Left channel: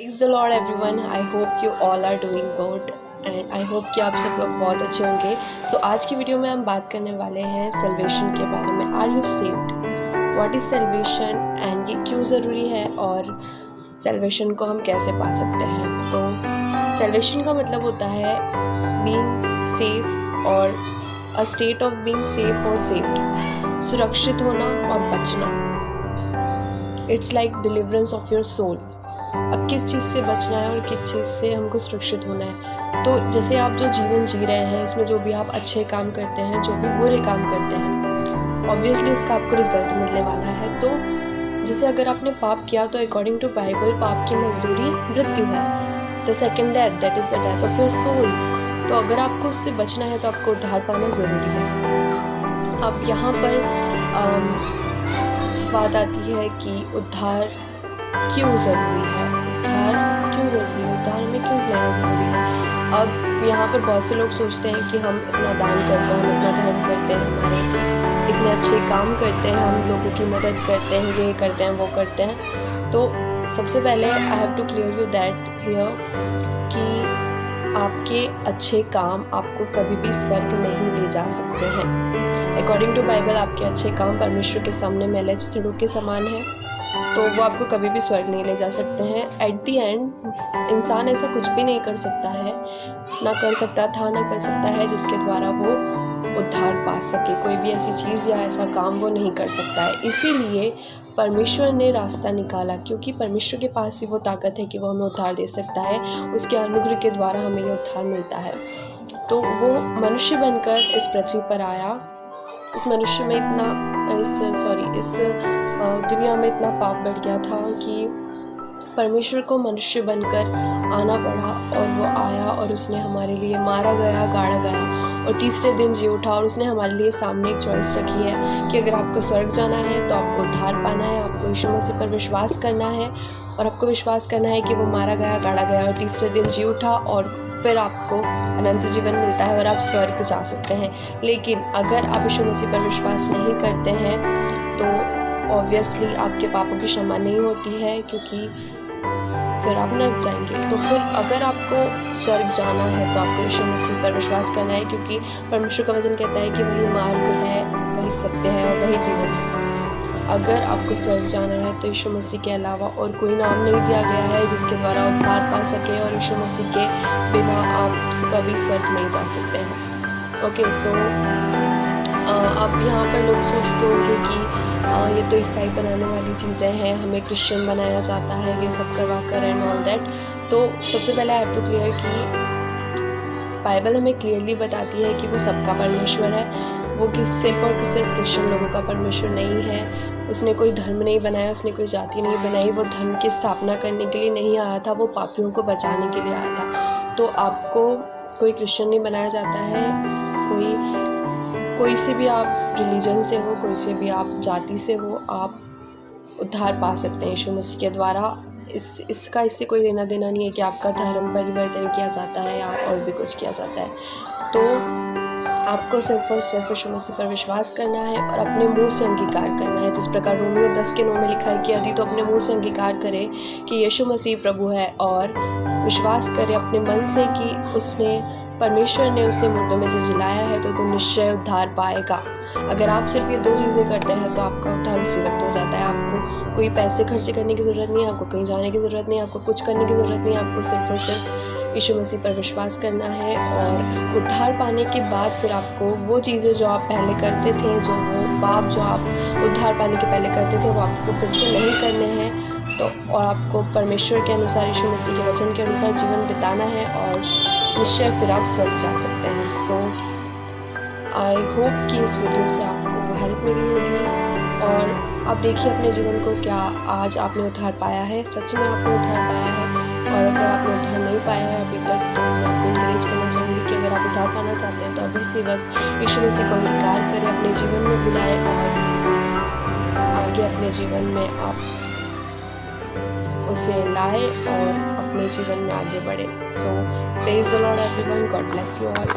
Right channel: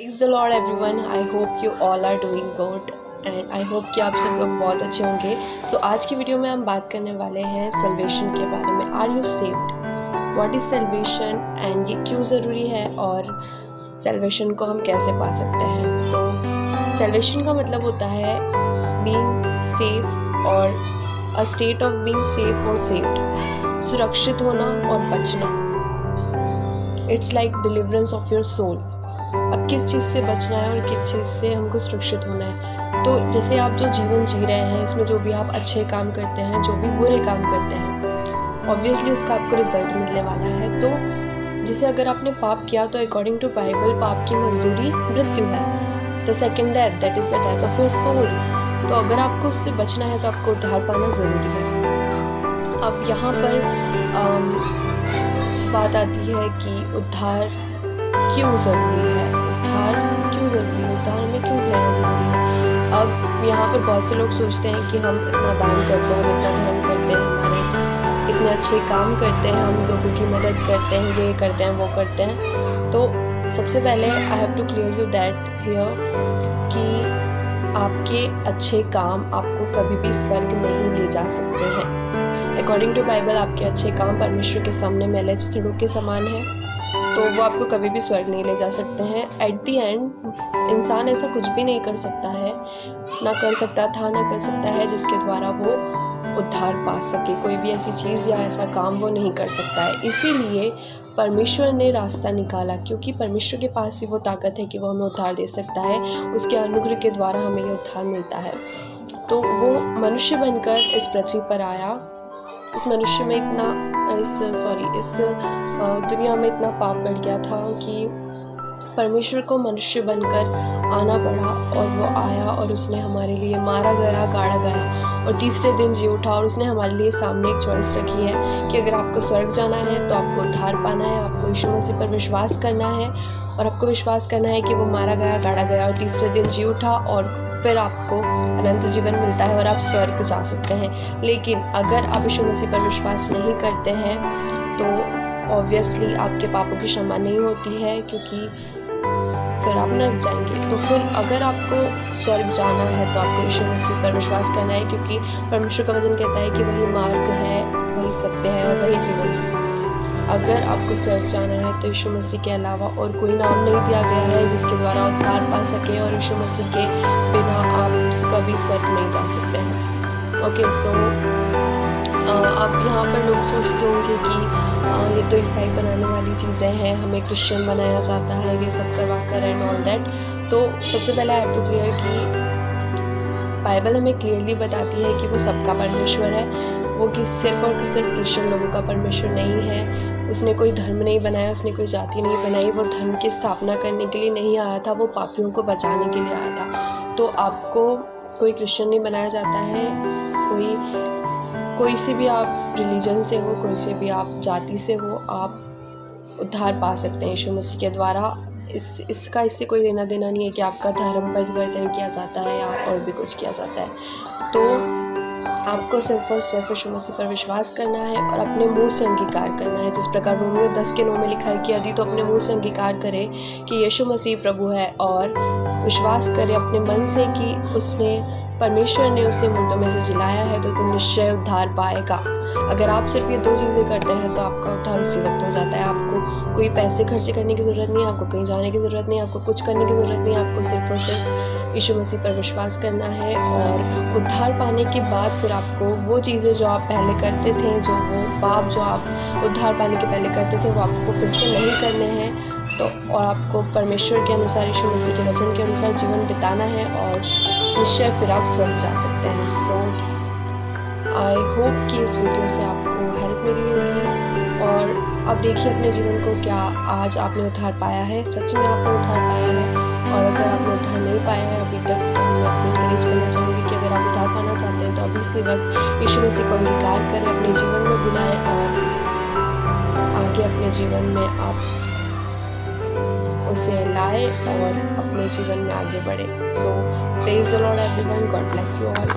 Praise the Lord everyone. I hope you all are doing good and I hope कि आप सब लोग बहुत अच्छे होंगे. आज की वीडियो में हम बात करने वाले हैं सेल्वेशन के बारे में. Are you saved? What is salvation and ये क्यों ज़रूरी है और सेल्वेशन को हम कैसे पा सकते हैं. तो सेल्वेशन का मतलब होता है बीइंग सेफ और a state of being safe और सेव्ड, सुरक्षित होना और बचना. It's like deliverance of your soul. अब किस चीज़ से बचना है और किस चीज़ से हमको सुरक्षित होना है. तो जैसे आप जो जीवन जी रहे हैं इसमें जो भी आप अच्छे काम करते हैं, जो भी बुरे काम करते हैं, ऑब्वियसली उसका आपको रिजल्ट मिलने वाला है. तो जैसे अगर आपने पाप किया तो अकॉर्डिंग टू बाइबल पाप की मजदूरी मृत्यु है. The second death, that is the death of your soul. तो अगर आपको उससे बचना है तो आपको उद्धार पाना ज़रूरी है. अब यहाँ पर बात आती है कि उद्धार क्यों ज़रूरी है. उद्धार क्यों ज़रूरी है, उद्धार हमें क्यों लेना ज़रूरी है. अब यहाँ पर बहुत से लोग सोचते हैं कि हम इतना दान करते हैं, हम इतना धर्म करते हैं, हमारे इतने अच्छे काम करते हैं, हम लोगों की मदद करते हैं, ये करते हैं वो करते हैं. तो सबसे पहले I have to clear you that here कि आपके अच्छे काम आपको कभी भी स्वर्ग नहीं ले जा सकते हैं. अकॉर्डिंग टू बाइबल आपके अच्छे काम परमेश्वर के सामने मैले चिड़ों के समान है, तो वो आपको कभी भी स्वर्ग नहीं ले जा सकते हैं. एट दी एंड इंसान ऐसा कुछ भी नहीं कर सकता है, ना कर सकता था ना कर सकता है जिसके द्वारा वो उद्धार पा सके. कोई भी ऐसी चीज़ या ऐसा काम वो नहीं कर सकता है. इसीलिए परमेश्वर ने रास्ता निकाला, क्योंकि परमेश्वर के पास ही वो ताकत है कि वो हमें उद्धार दे सकता है. उसके अनुग्रह के द्वारा हमें ये उद्धार मिलता है. तो वो मनुष्य बनकर इस पृथ्वी पर आया. इस मनुष्य में इस दुनिया में इतना पाप बढ़ गया था कि परमेश्वर को मनुष्य बनकर आना पड़ा. और वो आया और उसने हमारे लिए मारा गया, गाड़ा गया और तीसरे दिन जी उठा. और उसने हमारे लिए सामने एक चॉइस रखी है कि अगर आपको स्वर्ग जाना है तो आपको उद्धार पाना है, आपको यीशु मसीह पर विश्वास करना है और आपको विश्वास करना है कि वो मारा गया, गाड़ा गया और तीसरे दिन जी उठा और फिर आपको अनंत जीवन मिलता है और आप स्वर्ग जा सकते हैं. लेकिन अगर आप यीशु मसीह पर विश्वास नहीं करते हैं तो ऑब्वियसली आपके पापों की क्षमा नहीं होती है, क्योंकि फिर आप नरक जाएंगे. तो फिर अगर आपको स्वर्ग जाना है तो आपको यीशु मसीह पर विश्वास करना है, क्योंकि परमेश्वर का वचन कहता है कि वही मार्ग है, वही सत्य है और वही जीवन है. अगर आपको स्वर्ग जाना है तो यीशु मसीह के अलावा और कोई नाम नहीं दिया गया है जिसके द्वारा उद्धार पा सके, और यीशु मसीह के बिना आप कभी स्वर्ग नहीं जा सकते हैं. ओके, सो अब यहाँ पर लोग सोचते होंगे कि ये तो ईसाई बनाने वाली चीज़ें हैं, हमें क्रिश्चियन बनाया जाता है ये सब करवा कर एंड ऑल दैट. तो सबसे पहले आई हैव टू क्लियर कि बाइबल हमें क्लियरली बताती है कि वो सबका परमेश्वर है. वो कि सिर्फ और सिर्फ क्रिश्चियन लोगों का परमेश्वर नहीं है. उसने कोई धर्म नहीं बनाया, उसने कोई जाति नहीं बनाई. वो धर्म की स्थापना करने के लिए नहीं आया था, वो पापियों को बचाने के लिए आया था. तो आपको कोई क्रिश्चियन नहीं बनाया जाता है. कोई से भी आप रिलीजन से हो, कोई से भी आप जाति से हो, आप उद्धार पा सकते हैं यीशु मसीह के द्वारा. इससे कोई लेना देना नहीं है कि आपका धर्म परिवर्तन किया जाता है या और भी कुछ किया जाता है. तो आपको सिर्फ और सिर्फ यीशु मसीह पर विश्वास करना है और अपने मुंह से अंगीकार करना है. जिस प्रकार रोमियो 10:9 में लिखा है कि यदि तो अपने मुंह से अंगीकार करे कि यीशु मसीह प्रभु है और विश्वास करे अपने मन से कि परमेश्वर ने उसे मुर्दों में से जिलाया है तो निश्चय उद्धार पाएगा. अगर आप सिर्फ ये दो चीज़ें करते हैं तो आपका उद्धार उसी वक्त हो जाता है. आपको कोई पैसे खर्चे करने की ज़रूरत नहीं है, आपको कहीं जाने की ज़रूरत नहीं है, आपको कुछ करने की ज़रूरत नहीं है. आपको सिर्फ और सिर्फ यीशु मसीह पर विश्वास करना है और उद्धार पाने के बाद फिर आपको वो चीज़ें जो आप पहले करते थे, जो वो पाप जो आप उद्धार पाने के पहले करते थे, वो आपको फिर से नहीं करने हैं. तो और आपको परमेश्वर के अनुसार, यीशु मसीह के वचन के अनुसार जीवन बिताना है और निश्चय फिर आप स्वर्ग जा सकते हैं. सो आई होप कि इस वीडियो से आपको हेल्प मिली होगी. और अब देखिए अपने जीवन को, क्या आज आपने उद्धार पाया है? सच में आपने उद्धार पाया है? और अगर आपने उद्धार नहीं पाया है अभी तक तो मैं आपको इनकरेज करना चाहूँगी कि अगर आप उद्धार पाना चाहते हैं तो अभी से वक्त यीशु मसीह को अंगीकार करें, अपने जीवन में बुलाएं और आगे अपने जीवन में आप उसे लाए और अपने जीवन में आगे बढ़े. So praise the lord everyone. God bless you all.